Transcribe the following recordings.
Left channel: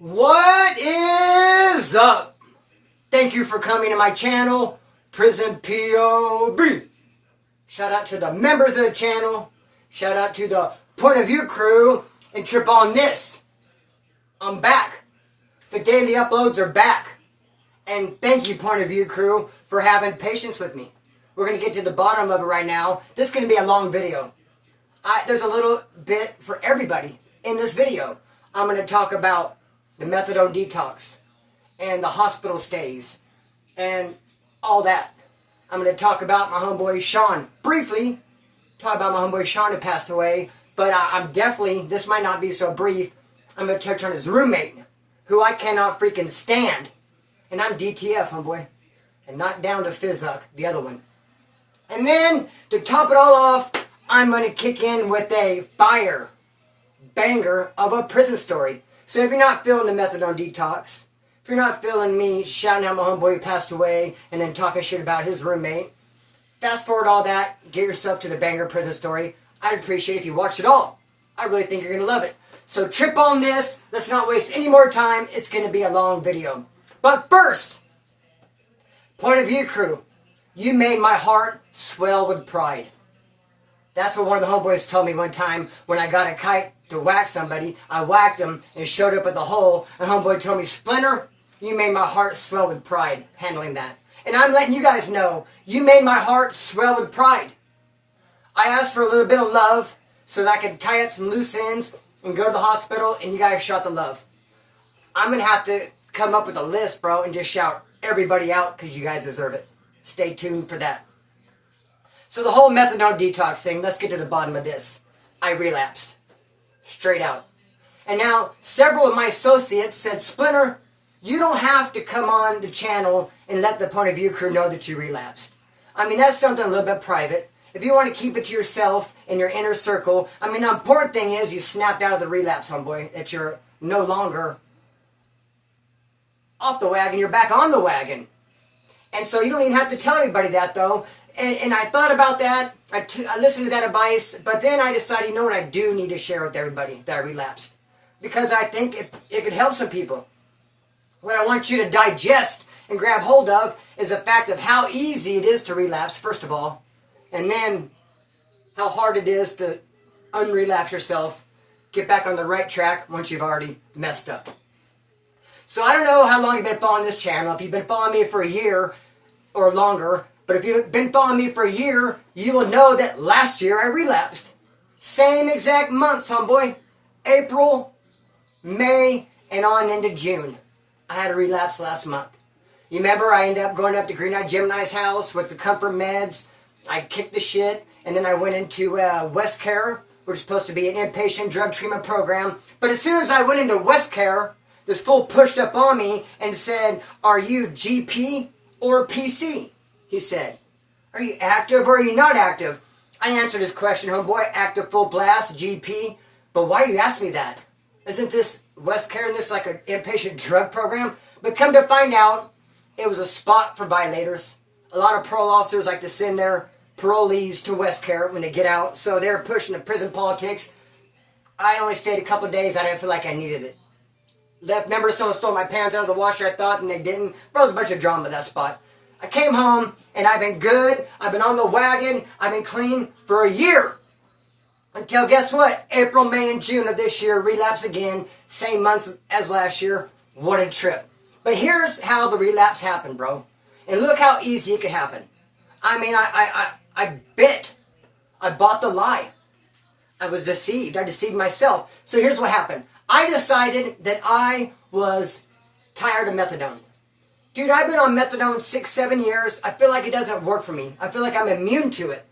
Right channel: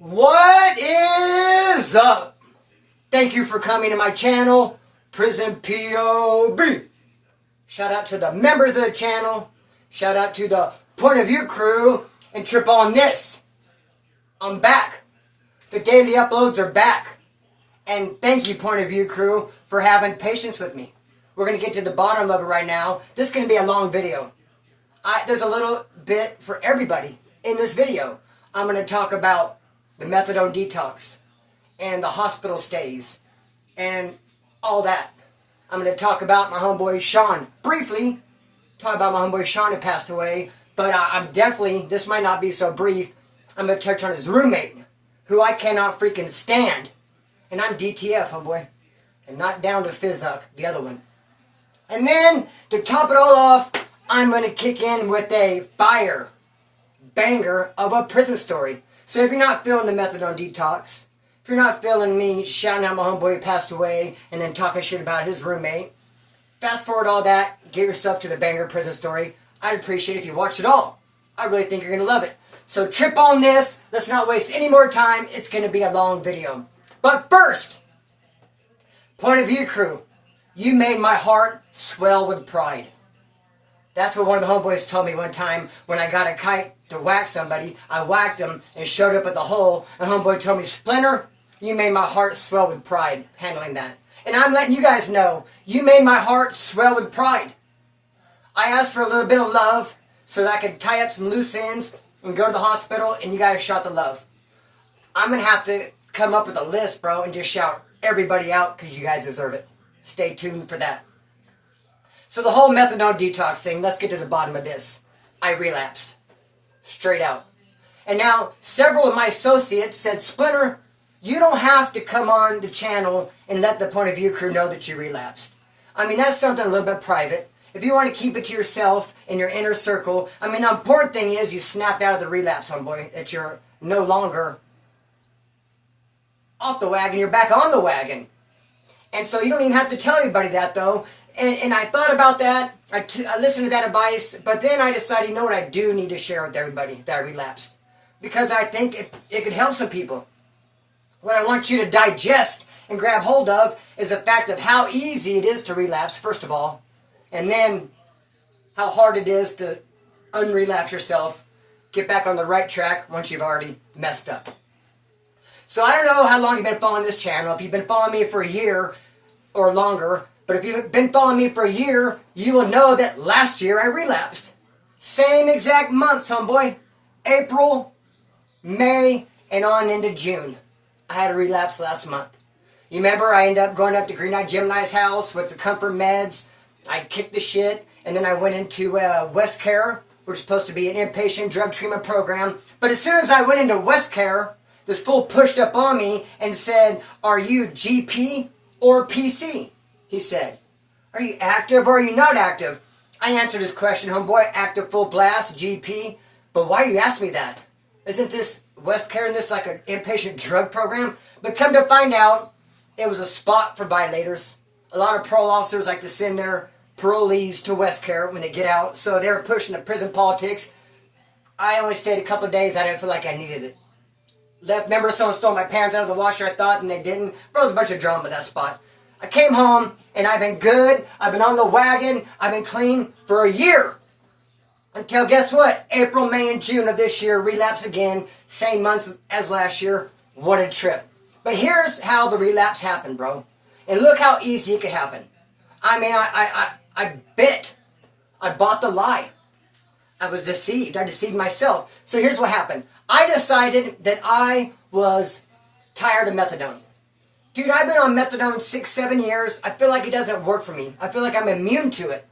What is up? Thank you for coming to my channel, Prison POV. Shout out to the members of the channel. Shout out to the Point of View crew. And trip on this. I'm back. The daily uploads are back. And thank you, Point of View crew, for having patience with me. We're going to get to the bottom of it right now. This is going to be a long video. There's a little bit for everybody in this video. I'm going to talk about the Methadone Detox and the hospital stays and all that. I'm going to talk about my homeboy Shawn. Briefly, talk about my homeboy Shawn who passed away. But I'm definitely, this might not be so brief, I'm going to touch on his roommate, who I cannot freaking stand. And I'm DTF, homeboy. And not down to Fizzuck, the other one. And then, to top it all off, I'm going to kick in with a fire banger of a prison story. So if you're not feeling the Methadone Detox, if you're not feeling me shouting out my homeboy who passed away and then talking shit about his roommate, fast forward all that, get yourself to the banger prison story. I'd appreciate it if you watch it all. I really think you're going to love it. So trip on this. Let's not waste any more time. It's going to be a long video. But first, Point of View crew, you made my heart swell with pride. That's what one of the homeboys told me one time when I got a kite to whack somebody. I whacked him and showed up at the hole. And homeboy told me, Splinter, you made my heart swell with pride handling that. And I'm letting you guys know, you made my heart swell with pride. I asked for a little bit of love so that I could tie up some loose ends and go to the hospital, and you guys shot the love. I'm going to have to come up with a list, bro, and just shout everybody out because you guys deserve it. Stay tuned for that. So the whole Methadone Detox thing, let's get to the bottom of this. I relapsed. Straight out. And now, several of my associates said, Splinter, you don't have to come on the channel and let the Point of View crew know that you relapsed. I mean, that's something a little bit private. If you want to keep it to yourself in your inner circle, I mean, the important thing is you snapped out of the relapse, homeboy, that you're no longer off the wagon, you're back on the wagon. And so you don't even have to tell everybody that, though. And I thought about that, I listened to that advice, but then I decided, you know what, I do need to share with everybody that I relapsed. Because I think it could help some people. What I want you to digest and grab hold of is the fact of how easy it is to relapse, first of all. And then how hard it is to unrelapse yourself, get back on the right track once you've already messed up. So I don't know how long you've been following this channel. If you've been following me for a year or longer, but if you've been following me for a year, you will know that last year I relapsed. Same exact months, homeboy. April, May, and on into June. I had a relapse last month. You remember I ended up going up to Green Eye Gemini's house with the comfort meds. I kicked the shit, and then I went into West Care, which is supposed to be an inpatient drug treatment program. But as soon as I went into West Care, this fool pushed up on me and said, are you GP or PC? He said, are you active or are you not active? I answered his question, homeboy, active full blast, GP. But why do you ask me that? Isn't this West Care and this like an inpatient drug program? But come to find out, it was a spot for violators. A lot of parole officers like to send their parolees to West Care when they get out. So they're pushing the prison politics. I only stayed a couple of days. I didn't feel like I needed it. Remember someone stole my pants out of the washer, I thought, and they didn't. Bro, it was a bunch of drama at that spot. I came home, and I've been good. I've been on the wagon. I've been clean for a year. Until, guess what? April, May, and June of this year, relapse again. Same months as last year. What a trip. But here's how the relapse happened, bro. And look how easy it could happen. I mean, I bit. I bought the lie. I was deceived. I deceived myself. So here's what happened. I decided that I was tired of methadone. Dude, I've been on methadone 6-7 years. I feel like it doesn't work for me. I feel like I'm immune to it.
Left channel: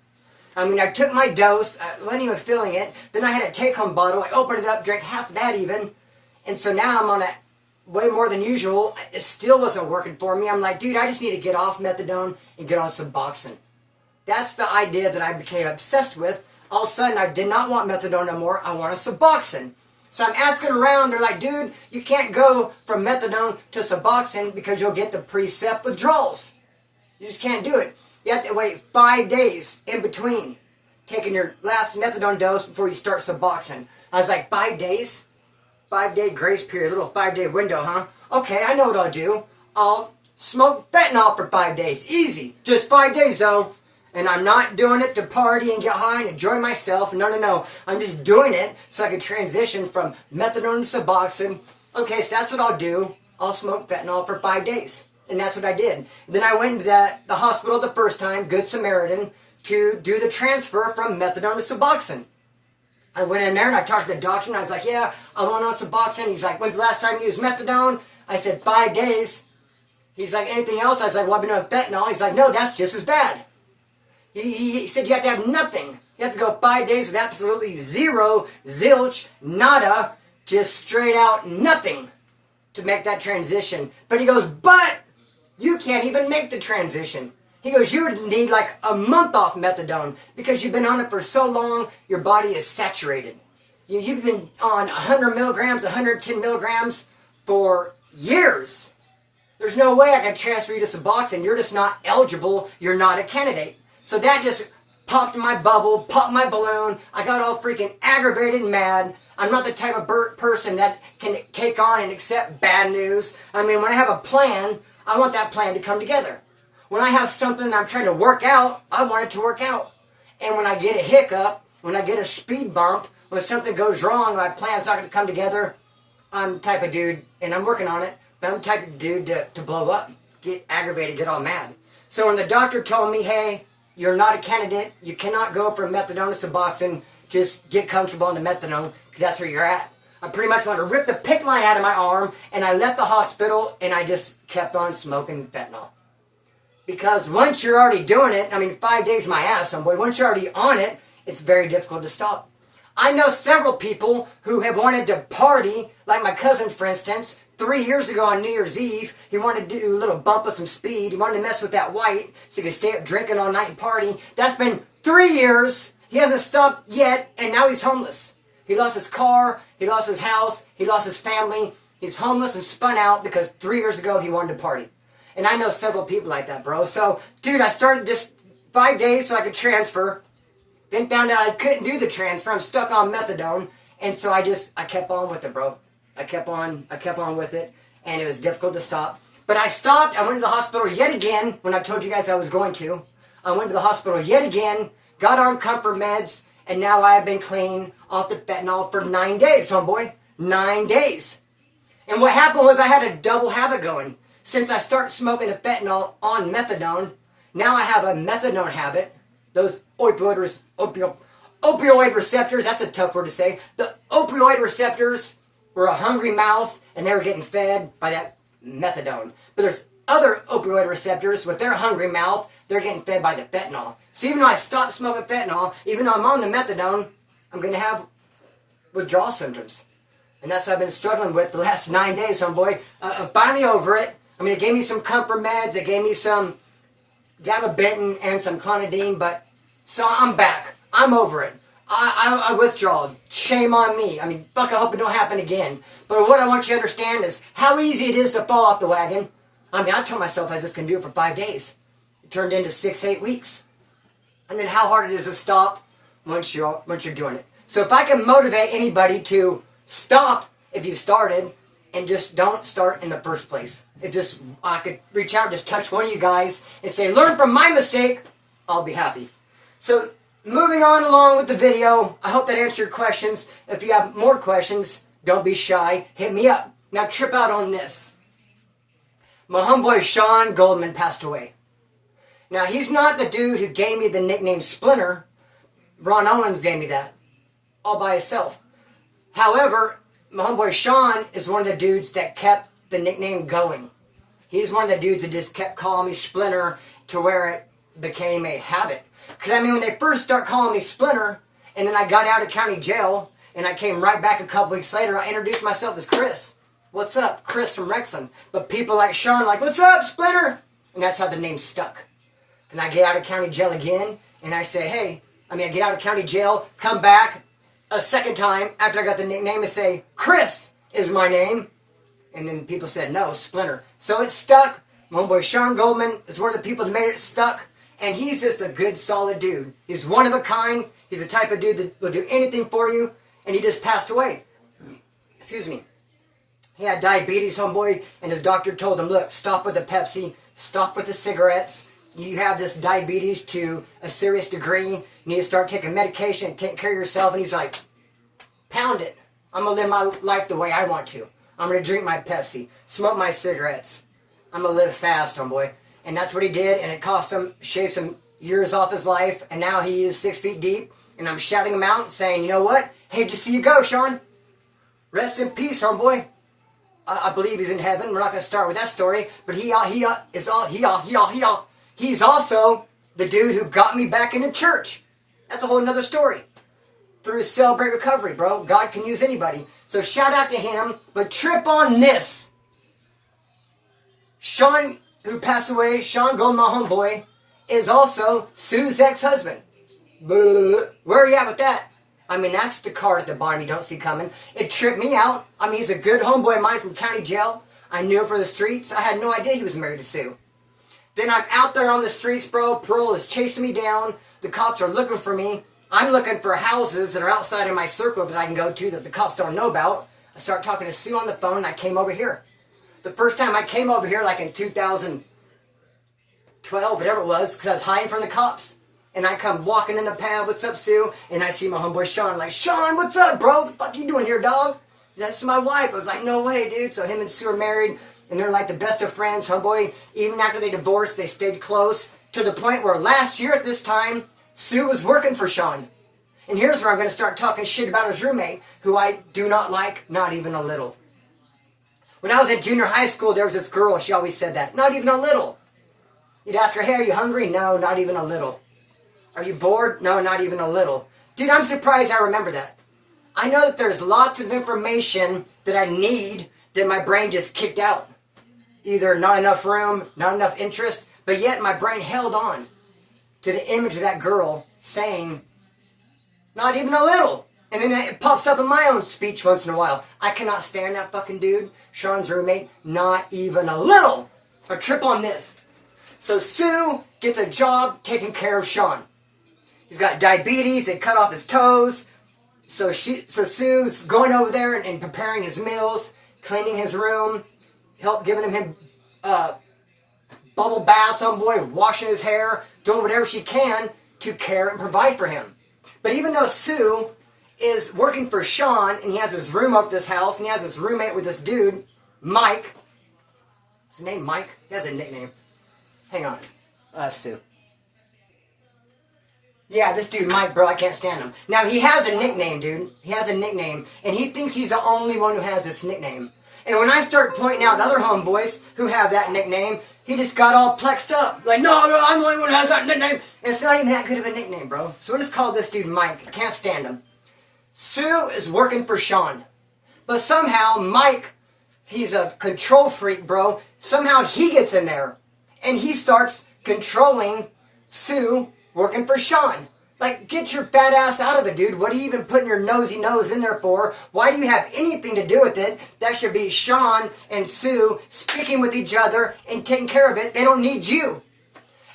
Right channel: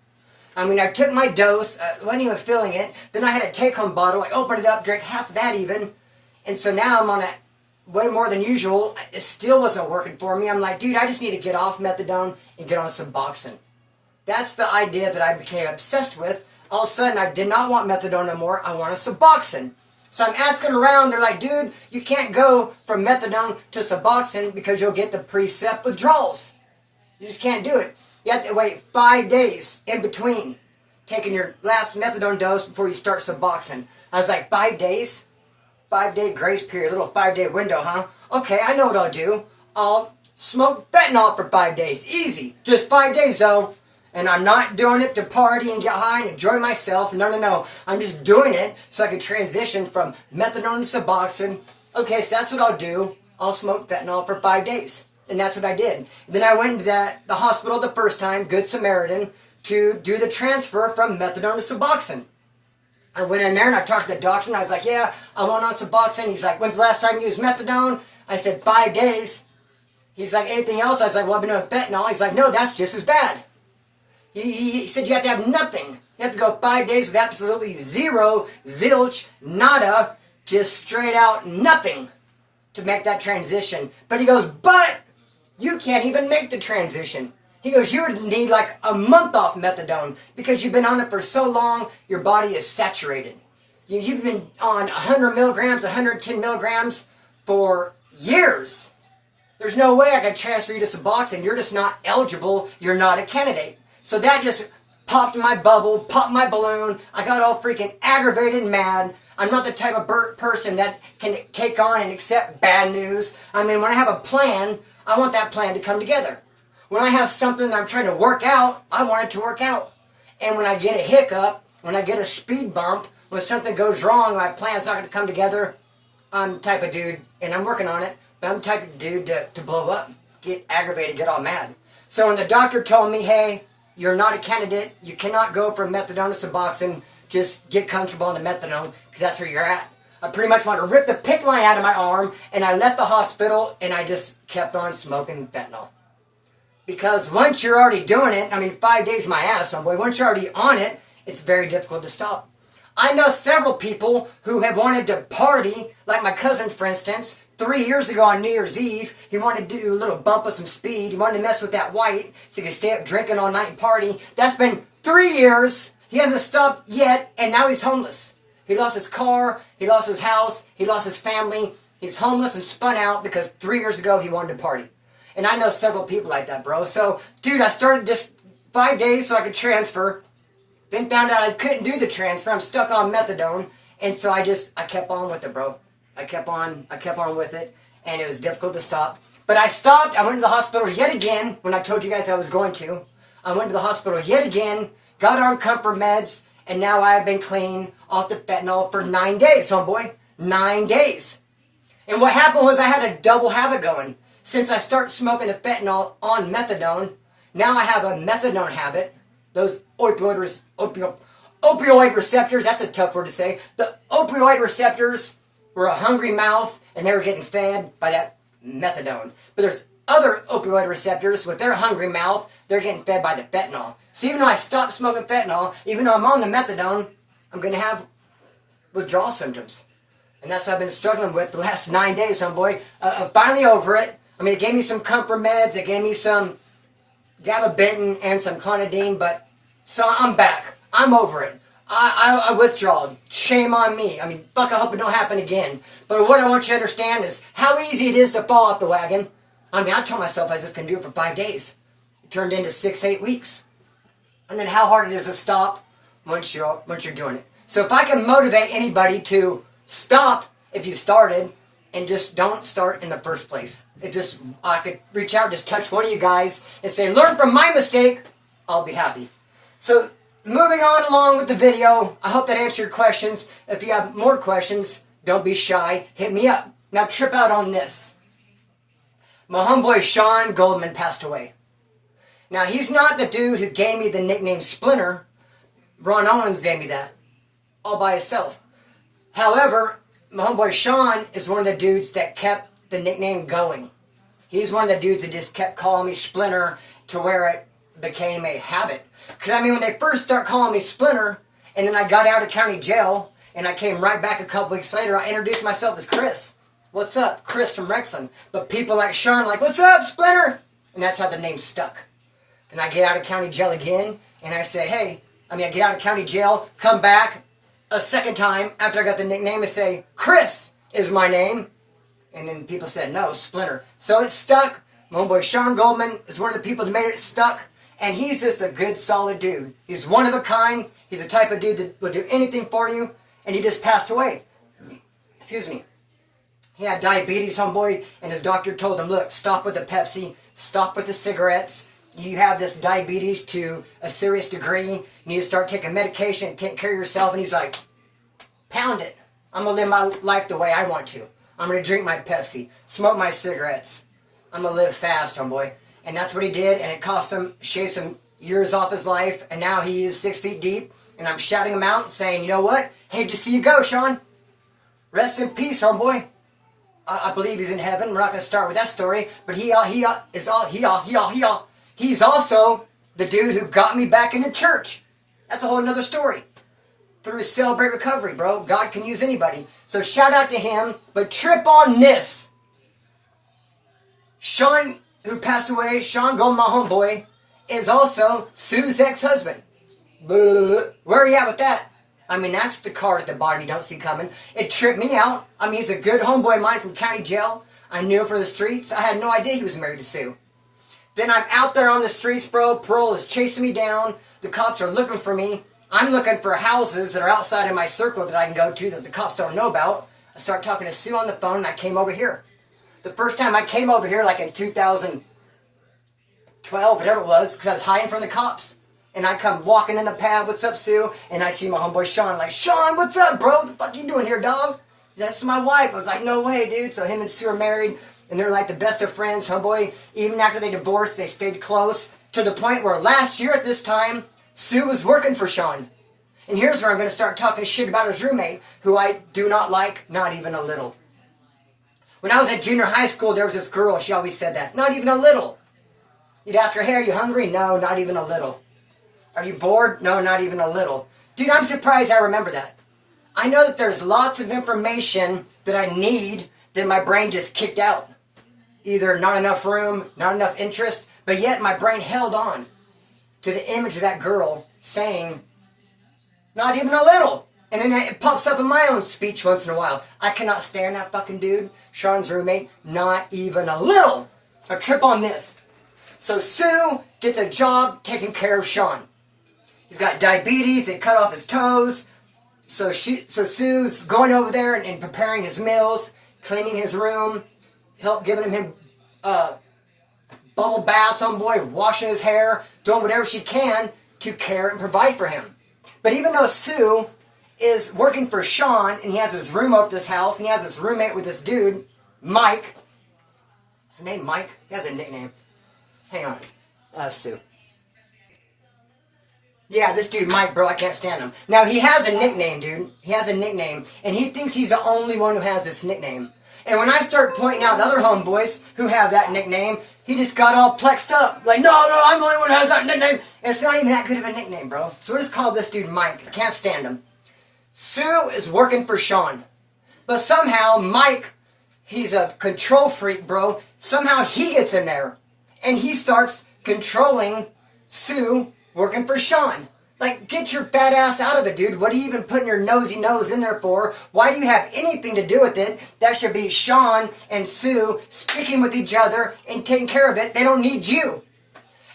I mean, I took my dose. I wasn't even feeling it. Then I had a take-home bottle. I opened it up, drank half of that even. And so now I'm on it way more than usual. It still wasn't working for me. I'm like, dude, I just need to get off methadone and get on Suboxone. That's the idea that I became obsessed with. All of a sudden, I did not want methadone no more. I want a Suboxone. So I'm asking around. They're like, dude, you can't go from methadone to Suboxone because you'll get the precept withdrawals. You just can't do it. You have to wait 5 days in between taking your last methadone dose before you start Suboxone. I was like, 5 days? 5-day grace period, little 5-day window, huh? Okay, I know what I'll do. I'll smoke fentanyl for 5 days. Easy. Just 5 days, though. And I'm not doing it to party and get high and enjoy myself. No, no, no. I'm just doing it so I can transition from methadone to Suboxone. Okay, so that's what I'll do. I'll smoke fentanyl for 5 days. And that's what I did. Then I went to the hospital the first time, Good Samaritan, to do the transfer from methadone to Suboxone. I went in there and I talked to the doctor and I was like, yeah, I want on Suboxone. He's like, when's the last time you used methadone? I said, 5 days. He's like, anything else? I was like, well, I've been on fentanyl. He's like, no, that's just as bad. He said you have to have nothing. You have to go 5 days with absolutely zero, zilch, nada, just straight out nothing to make that transition. But he goes, but you can't even make the transition. He goes, you would need like a month off methadone because you've been on it for so long, your body is saturated. You've been on 100 milligrams, 110 milligrams for years. There's no way I can transfer you to Suboxone. You're just not eligible. You're not a candidate. So that just popped my bubble, popped my balloon. I got all freaking aggravated and mad. I'm not the type of person that can take on and accept bad news. I mean, when I have a plan, I want that plan to come together. When I have something that I'm trying to work out, I want it to work out. And when I get a hiccup, when I get a speed bump, when something goes wrong, my plan's not going to come together, I'm the type of dude, and I'm working on it, but I'm the type of dude to blow up, get aggravated, get all mad. So when the doctor told me, hey, you're not a candidate, you cannot go from methadone to Suboxone, just get comfortable on the methadone, because that's where you're at. I pretty much wanted to rip the PICC line out of my arm, and I left the hospital, and I just kept on smoking fentanyl. Because once you're already doing it, I mean, 5 days my ass, homeboy, once you're already on it, it's very difficult to stop. I know several people who have wanted to party, like my cousin, for instance. 3 years ago on New Year's Eve, he wanted to do a little bump with some speed. He wanted to mess with that white so he could stay up drinking all night and party. That's been 3 years. He hasn't stopped yet, and now he's homeless. He lost his car, he lost his house, he lost his family. He's homeless and spun out because 3 years ago he wanted to party. And I know several people like that, bro. So, dude, I started just 5 days so I could transfer. Then found out I couldn't do the transfer. I'm stuck on methadone. And so I kept on with it, bro. I kept on with it. And it was difficult to stop. But I stopped. I went to the hospital yet again when I told you guys I was going to. I went to the hospital yet again, got on comfort meds, and now I have been clean off the fentanyl for 9 days, homeboy. 9 days. And what happened was I had a double habit going. Since I started smoking the fentanyl on methadone, now I have a methadone habit. Those opioid receptors, that's a tough word to say. The opioid receptors were a hungry mouth, and they were getting fed by that methadone. But there's other opioid receptors with their hungry mouth, they're getting fed by the fentanyl. So even though I stopped smoking fentanyl, even though I'm on the methadone, I'm going to have withdrawal symptoms. And that's what I've been struggling with the last 9 days, homeboy. I'm finally over it. I mean, it gave me some comfort meds, it gave me some gabapentin and some clonidine, but so I'm back. I'm over it. I withdrawed. Shame on me. I mean, fuck, I hope it don't happen again. But what I want you to understand is how easy it is to fall off the wagon. I mean, I told myself I was just going to do it for 5 days. It turned into 6-8 weeks. And then how hard it is to stop once you're doing it. So if I can motivate anybody to stop if you've started, and just don't start in the first place. I could reach out, just touch one of you guys and say, learn from my mistake, I'll be happy. So, moving on along with the video, I hope that answered your questions. If you have more questions, don't be shy, hit me up. Now trip out on this. My homeboy Shawn Goldman passed away. Now, he's not the dude who gave me the nickname Splinter. Ron Owens gave me that, all by himself. However, my homeboy Shawn is one of the dudes that kept the nickname going. He's one of the dudes that just kept calling me Splinter to where it became a habit. Because, I mean, when they first start calling me Splinter, and then I got out of county jail, and I came right back a couple weeks later, I introduced myself as Chris. What's up? Chris from Wrexham. But people like Shawn like, what's up, Splinter? And that's how the name stuck. And I get out of county jail again, and I say, hey, I get out of county jail, come back a second time after I got the nickname and say, Chris is my name. And then people said, no, Splinter. So it stuck. My homeboy Shawn Goldman is one of the people that made it stuck. And he's just a good, solid dude. He's one of a kind. He's the type of dude that will do anything for you. And he just passed away. excuse me, he had diabetes, homeboy, and his doctor told him, look, stop with the Pepsi, stop with the cigarettes. You have this diabetes to a serious degree. You need to start taking medication, take care of yourself. And he's like, pound it. I'm going to live my life the way I want to. I'm going to drink my Pepsi, smoke my cigarettes. I'm going to live fast, homeboy. And that's what he did, and it cost him, shaved some years off his life, and now he is 6 feet deep, and I'm shouting him out, saying, you know what? Hate to see you go, Shawn. Rest in peace, homeboy. I believe he's in heaven. We're not going to start with that story, but he's also the dude who got me back into church. That's a whole another story. Through Celebrate Recovery, bro. God can use anybody. So shout out to him, but trip on this. Shawn, who passed away, Shawn Goldman, my homeboy, is also Sue's ex-husband. Where are you at with that? I mean, that's the card at the bottom you don't see coming. It tripped me out. I mean, he's a good homeboy of mine from county jail. I knew him for the streets. I had no idea he was married to Sue. Then I'm out there on the streets, bro. Parole is chasing me down. The cops are looking for me. I'm looking for houses that are outside of my circle that I can go to that the cops don't know about. I start talking to Sue on the phone, and I came over here. The first time I came over here, like in 2012, whatever it was, because I was hiding from the cops. And I come walking in the pad, what's up, Sue? And I see my homeboy Shawn, like, Shawn, what's up, bro? What the fuck you doing here, dog? That's my wife. I was like, no way, dude. So him and Sue are married, and they're like the best of friends, homeboy. Even after they divorced, they stayed close, to the point where last year at this time, Sue was working for Shawn. And here's where I'm going to start talking shit about his roommate, who I do not like, not even a little. When I was at junior high school, there was this girl, she always said that, not even a little. You'd ask her, hey, are you hungry? No, not even a little. Are you bored? No, not even a little. Dude, I'm surprised I remember that. I know that there's lots of information that I need that my brain just kicked out. Either not enough room, not enough interest, but yet my brain held on to the image of that girl saying, not even a little. And then it pops up in my own speech once in a while. I cannot stand that fucking dude, Shawn's roommate, not even a little. A trip on this. So Sue gets a job taking care of Shawn. He's got diabetes, they cut off his toes. So Sue's going over there and preparing his meals, cleaning his room, giving him bubble baths, homeboy, washing his hair, doing whatever she can to care and provide for him. But even though Sue is working for Shawn, and he has his room up this house, and he has his roommate with this dude, Mike. Is his name Mike? He has a nickname. Hang on. Sue. Yeah, this dude Mike, bro, I can't stand him. Now, he has a nickname, dude. He has a nickname, and he thinks he's the only one who has this nickname. And when I start pointing out other homeboys who have that nickname, he just got all plexed up. Like, no, I'm the only one who has that nickname. And it's not even that good of a nickname, bro. So we'll just call this dude Mike. I can't stand him. Sue is working for Shawn. But somehow, Mike, he's a control freak, bro. Somehow he gets in there. And he starts controlling Sue working for Shawn. Like, get your fat ass out of it, dude. What are you even putting your nosy nose in there for? Why do you have anything to do with it? That should be Shawn and Sue speaking with each other and taking care of it. They don't need you.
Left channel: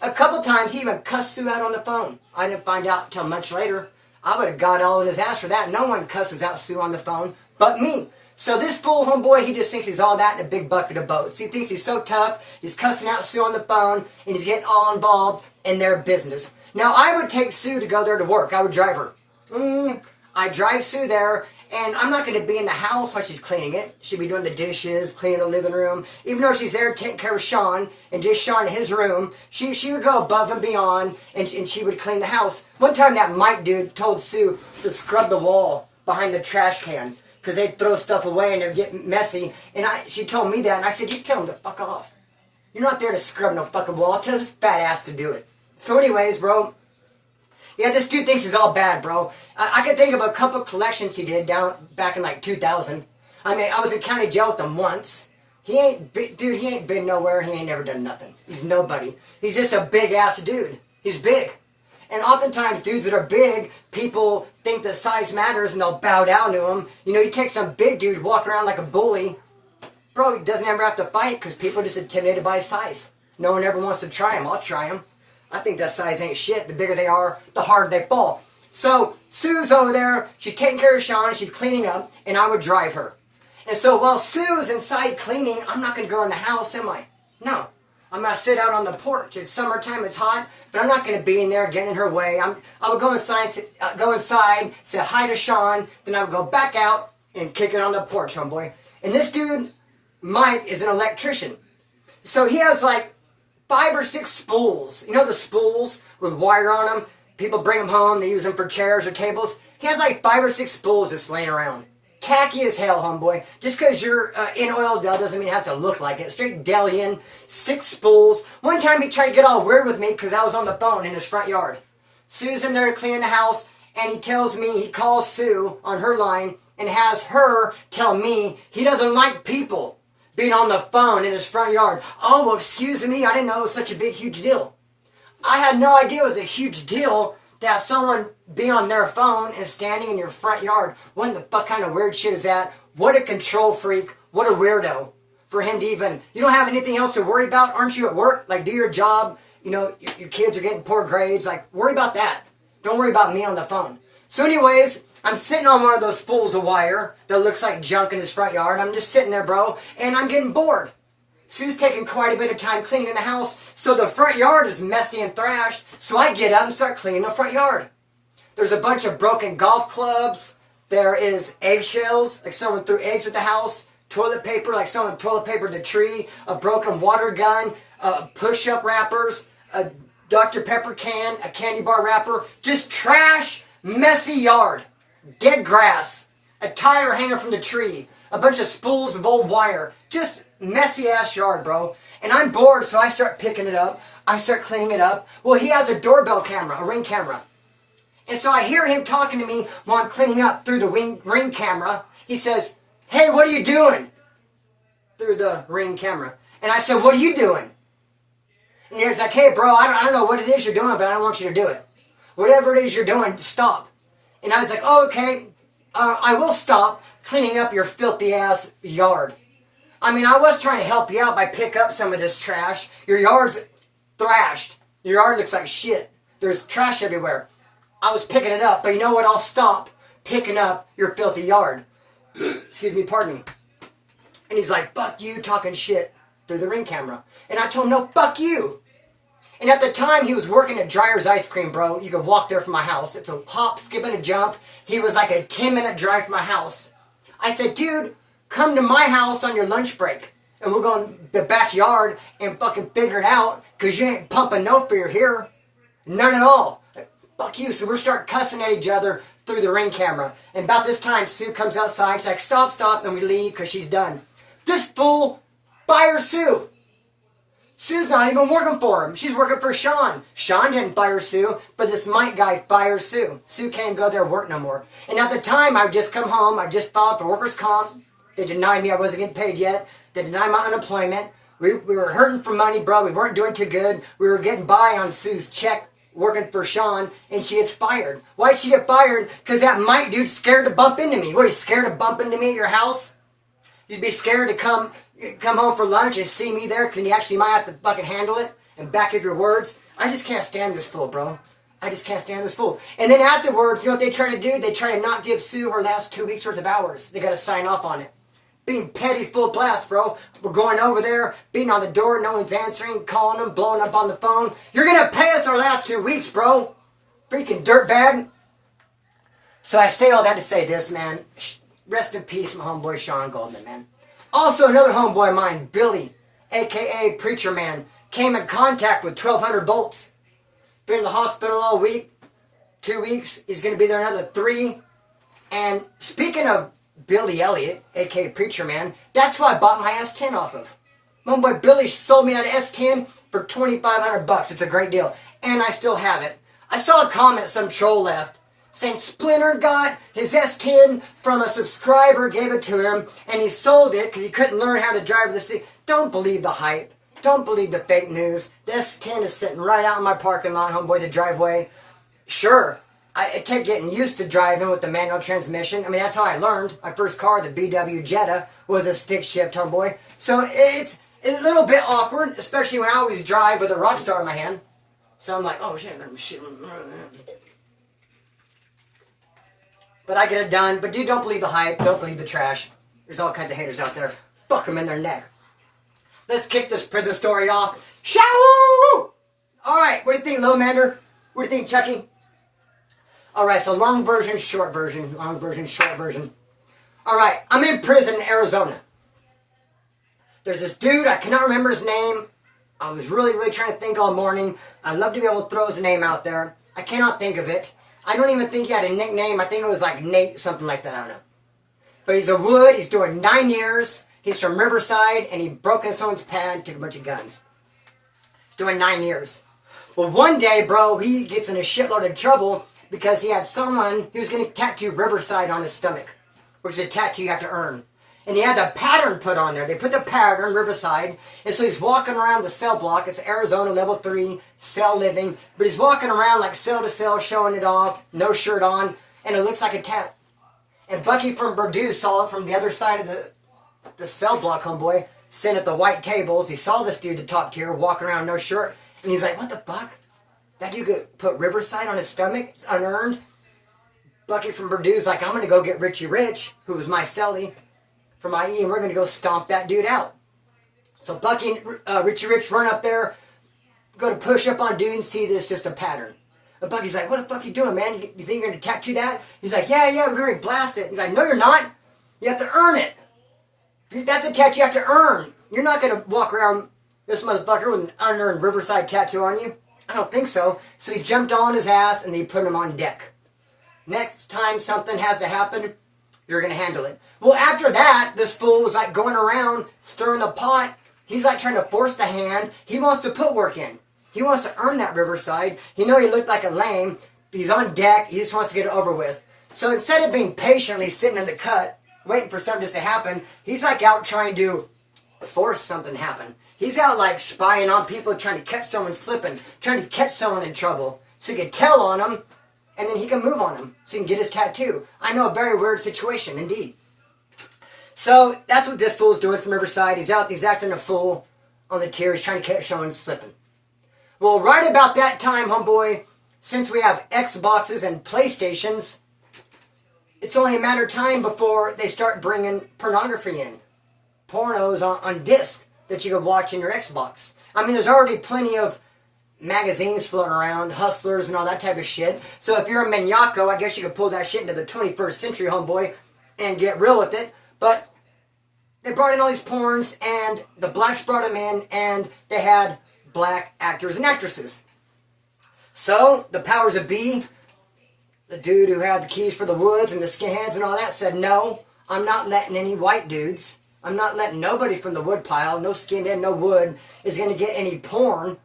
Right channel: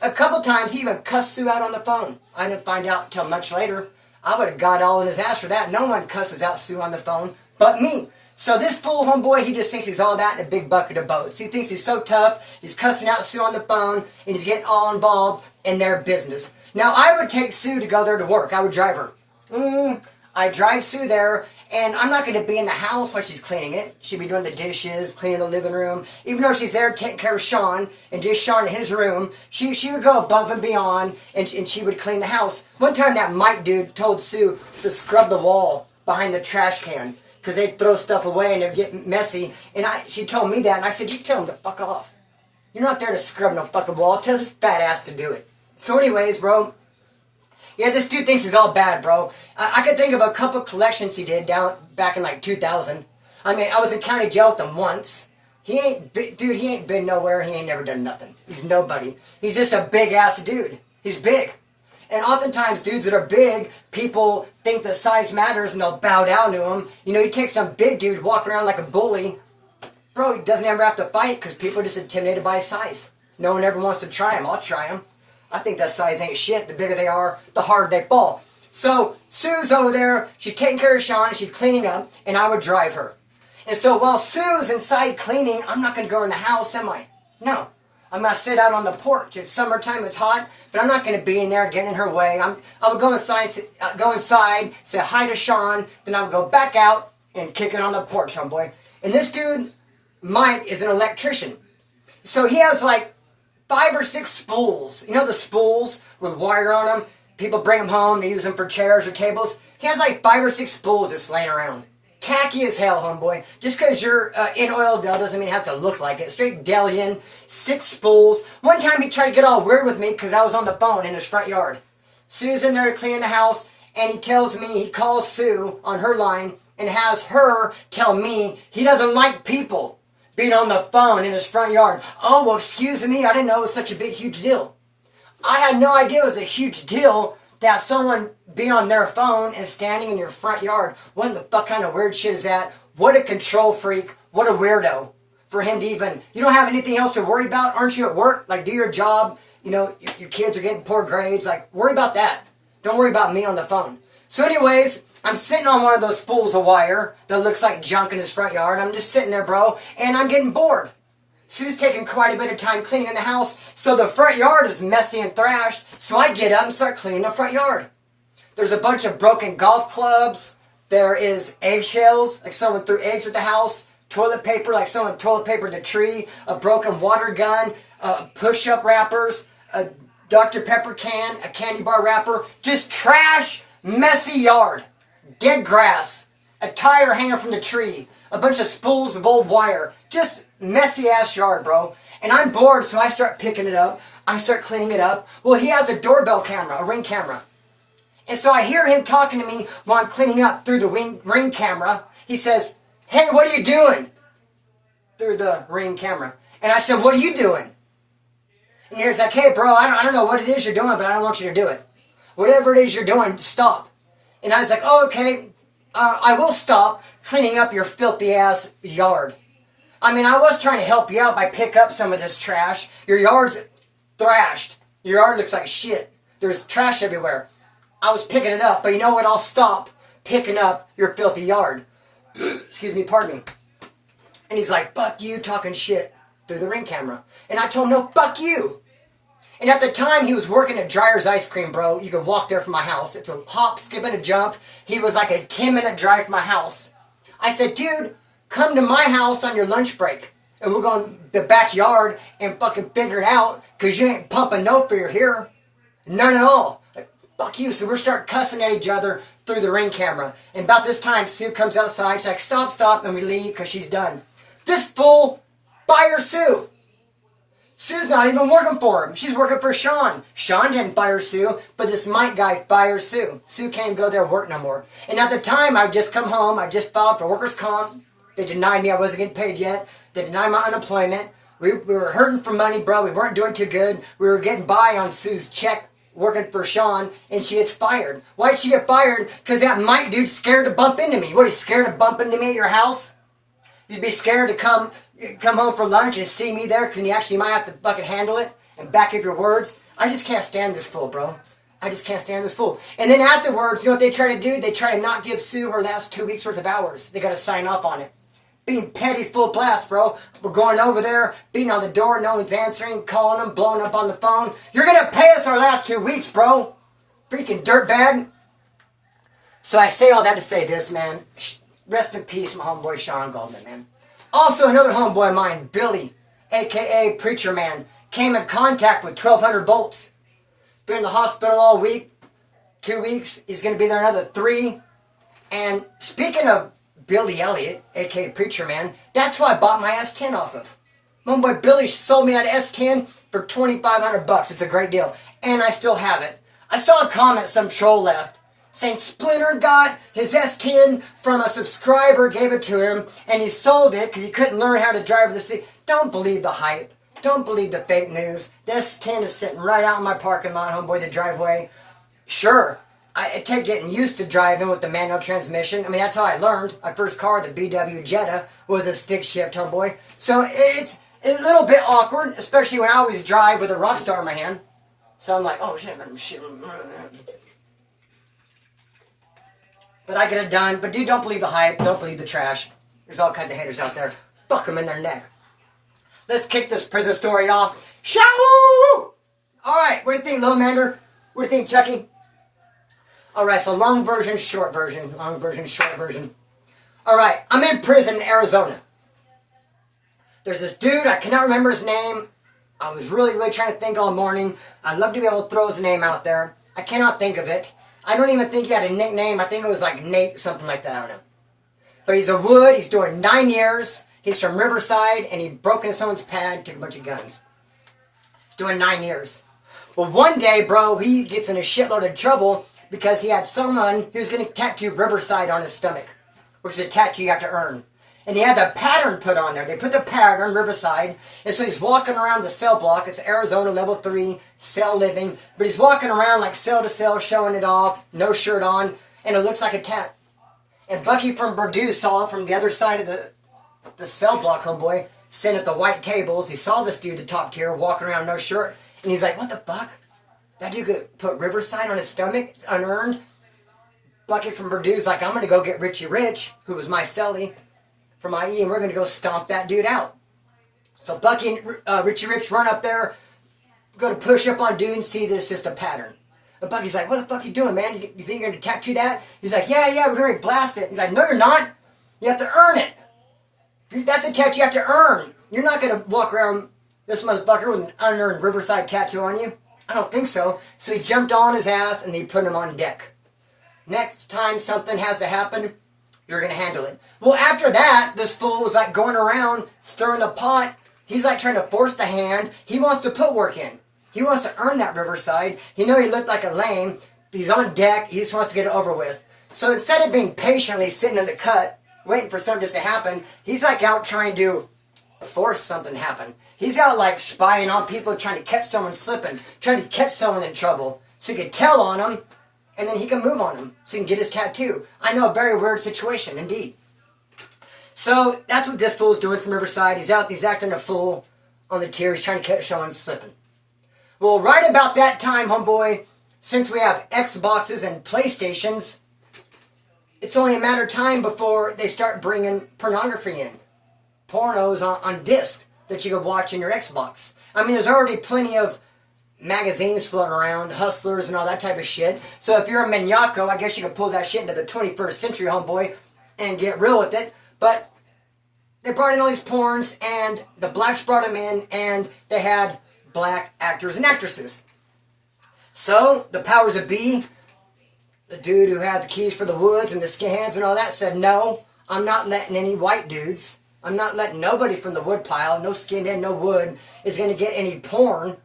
A couple times he even cussed Sue out on the phone. I didn't find out until much later. I would have got all in his ass for that. No one cusses out Sue on the phone but me. So this fool homeboy, he just thinks he's all that in a big bucket of boats. He thinks he's so tough. He's cussing out Sue on the phone, and he's getting all involved in their business. Now, I would take Sue to go there to work. I would drive her. I drive Sue there, and I'm not going to be in the house while she's cleaning it. She'll be doing the dishes, cleaning the living room. Even though she's there taking care of Shawn, and just Shawn in his room, she would go above and beyond, and she would clean the house. One time, that Mike dude told Sue to scrub the wall behind the trash can, because they'd throw stuff away and it'd get messy. And she told me that, and I said, you tell him to fuck off. You're not there to scrub no fucking wall. Tell this fat ass to do it. So anyways, bro, yeah, this dude thinks he's all bad, bro. I can think of a couple collections he did back in like 2000. I mean, I was in county jail with him once. He ain't been nowhere. He ain't never done nothing. He's nobody. He's just a big ass dude. He's big. And oftentimes, dudes that are big, people think that size matters and they'll bow down to him. You know, you take some big dude walking around like a bully, bro, he doesn't ever have to fight because people are just intimidated by his size. No one ever wants to try him. I'll try him. I think that size ain't shit. The bigger they are, the harder they fall. So, Sue's over there. She's taking care of Shawn. She's cleaning up, and I would drive her. And so while Sue's inside cleaning, I'm not going to go in the house, am I? No. I'm going to sit out on the porch. It's summertime, it's hot, but I'm not going to be in there getting in her way. I would go inside, say hi to Shawn, then I would go back out and kick it on the porch, homeboy. And this dude, Mike, is an electrician. So he has like 5 or 6 spools. You know the spools with wire on them? People bring them home, they use them for chairs or tables. He has like 5 or 6 spools just laying around. Tacky as hell, homeboy. Just because you're in Oildale doesn't mean it has to look like it. Straight Delian, 6 spools. One time he tried to get all weird with me because I was on the phone in his front yard. Sue's in there cleaning the house, and he tells me, he calls Sue on her line and has her tell me he doesn't like people being on the phone in his front yard. Oh, well, excuse me, I didn't know it was such a big, huge deal. I had no idea it was a huge deal that someone being on their phone and standing in your front yard. What in the fuck kind of weird shit is that? What a control freak. What a weirdo. For him to even, you don't have anything else to worry about? Aren't you at work? Like, do your job. You know, your kids are getting poor grades. Like, worry about that. Don't worry about me on the phone. So anyways, I'm sitting on one of those spools of wire that looks like junk in his front yard. I'm just sitting there, bro, and I'm getting bored. Sue's taking quite a bit of time cleaning in the house, so the front yard is messy and thrashed, so I get up and start cleaning the front yard. There's a bunch of broken golf clubs. There is eggshells, like someone threw eggs at the house. Toilet paper, like someone toilet papered the tree. A broken water gun. Push-up wrappers. A Dr. Pepper can. A candy bar wrapper. Just trash, messy yard. Dead grass. A tire hanging from the tree. A bunch of spools of old wire. Just messy ass yard, bro. And I'm bored, so I start picking it up. I start cleaning it up. Well, he has a doorbell camera, a Ring camera. And so I hear him talking to me while I'm cleaning up through the Ring camera. He says, "Hey, what are you doing?" Through the Ring camera. And I said, "What are you doing?" And he was like, "Hey, bro, I don't know what it is you're doing, but I don't want you to do it. Whatever it is you're doing, stop." And I was like, "Oh, okay, I will stop cleaning up your filthy ass yard." I mean, I was trying to help you out by pick up some of this trash. Your yard's thrashed. Your yard looks like shit. There's trash everywhere. I was picking it up, but you know what? I'll stop picking up your filthy yard. Excuse me, pardon me. And he's like, "Fuck you," talking shit through the Ring camera. And I told him, "No, fuck you." And at the time, he was working at Dryer's Ice Cream, bro. You could walk there from my house. It's a hop, skip, and a jump. He was like a 10-minute drive from my house. I said, "Dude, come to my house on your lunch break. And we'll go in the backyard and fucking figure it out. Because you ain't pumping no fear here. None at all. Fuck you." So we start cussing at each other through the Ring camera. And about this time, Sue comes outside. She's like, stop. And we leave because she's done. This fool fires Sue. Sue's not even working for him. She's working for Shawn. Shawn didn't fire Sue, but this Mike guy fires Sue. Sue can't go there work no more. And at the time, I'd just come home. I just filed for workers' comp. They denied me. I wasn't getting paid yet. They denied my unemployment. We were hurting for money, bro. We weren't doing too good. We were getting by on Sue's check working for Shawn, and she gets fired. Why'd she get fired? Because that Mike dude's scared to bump into me. What, are you scared to bump into me at your house? You'd be scared to come home for lunch and see me there because you actually might have to fucking handle it and back up your words. I just can't stand this fool, bro. I just can't stand this fool. And then afterwards, you know what they try to do? They try to not give Sue her last 2 weeks worth of hours. They got to sign off on it. Being petty full blast, bro. We're going over there, beating on the door, no one's answering, calling them, blowing up on the phone. You're going to pay us our last 2 weeks, bro. Freaking dirtbag. So I say all that to say this, man. Rest in peace, my homeboy Shawn Goldman, man. Also, another homeboy of mine, Billy, a.k.a. Preacher Man, came in contact with 1,200 volts. Been in the hospital all week. 2 weeks. He's going to be there another 3. And speaking of Billy Elliott, a.k.a. Preacher Man, that's who I bought my S10 off of. My boy Billy sold me that S10 for $2,500. It's a great deal. And I still have it. I saw a comment some troll left saying Splinter got his S10 from a subscriber, gave it to him, and he sold it because he couldn't learn how to drive this thing. Don't believe the hype. Don't believe the fake news. The S10 is sitting right out in my parking lot, homeboy, the driveway. Sure, it take getting used to driving with the manual transmission. I mean, that's how I learned. My first car, the VW Jetta, was a stick shift, homeboy. So it's a little bit awkward, especially when I always drive with a Rockstar in my hand. So I'm like, oh, shit. But I get it done. But dude, don't believe the hype. Don't believe the trash. There's all kinds of haters out there. Fuck them in their neck. Let's kick this prison story off. Shawn! Alright, what do you think, Lil Mander? What do you think, Chucky? Alright, so long version, short version. Long version, short version. Alright, I'm in prison in Arizona. There's this dude, I cannot remember his name. I was really trying to think all morning. I'd love to be able to throw his name out there. I cannot think of it. I don't even think he had a nickname. I think it was like Nate, something like that. I don't know. But he's a Wood. He's doing 9 years. He's from Riverside, and he broke into someone's pad, took a bunch of guns. He's doing 9 years. Well, one day, bro, he gets in a shitload of trouble because he had someone who was going to tattoo Riverside on his stomach, which is a tattoo you have to earn. And he had the pattern put on there. They put the pattern, Riverside. And so he's walking around the cell block. It's Arizona level 3, cell living. But he's walking around like cell to cell, showing it off, no shirt on. And it looks like a tat. And Bucky from Purdue saw it from the other side of the cell block, homeboy, sitting at the white tables. He saw this dude, the top tier, walking around no shirt. And he's like, what the fuck? That dude could put Riverside on his stomach? It's unearned. Bucky from Purdue's like, I'm going to go get Richie Rich, who was my cellie, from IE, and we're going to go stomp that dude out. So Bucky and Richie Rich run up there, go to push up on dude and see that it's just a pattern. And Bucky's like, what the fuck are you doing, man? You think you're going to tattoo that? He's like, yeah, we're going to blast it. He's like, no, you're not. You have to earn it. That's a tattoo you have to earn. You're not going to walk around this motherfucker with an unearned Riverside tattoo on you. I don't think so. So he jumped on his ass and he put him on deck. Next time something has to happen, you're going to handle it. Well, after that, this fool was like going around stirring the pot. He's like trying to force the hand. He wants to put work in. He wants to earn that Riverside. He looked like a lame. He's on deck. He just wants to get it over with. So instead of being patiently sitting in the cut, waiting for something just to happen, he's like out trying to force something to happen. He's out like spying on people, trying to catch someone slipping, trying to catch someone in trouble. So he can tell on them, and then he can move on them. So he can get his tattoo. I know, a very weird situation, indeed. So that's what this fool's doing from Riverside. He's acting a fool on the tier. He's trying to catch someone slipping. Well, right about that time, homeboy, since we have Xboxes and PlayStations, it's only a matter of time before they start bringing pornography in. Pornos on disc that you can watch in your Xbox. I mean, there's already plenty of magazines floating around, Hustlers and all that type of shit. So if you're a maniaco, I guess you could pull that shit into the 21st century, homeboy, and get real with it. But they brought in all these porns, and the blacks brought them in, and they had black actors and actresses. So the powers that be, the dude who had the keys for the Woods and the skinheads and all that, said, no, I'm not letting any white dudes, I'm not letting nobody from the wood pile, no skinhead, no wood, is going to get any porn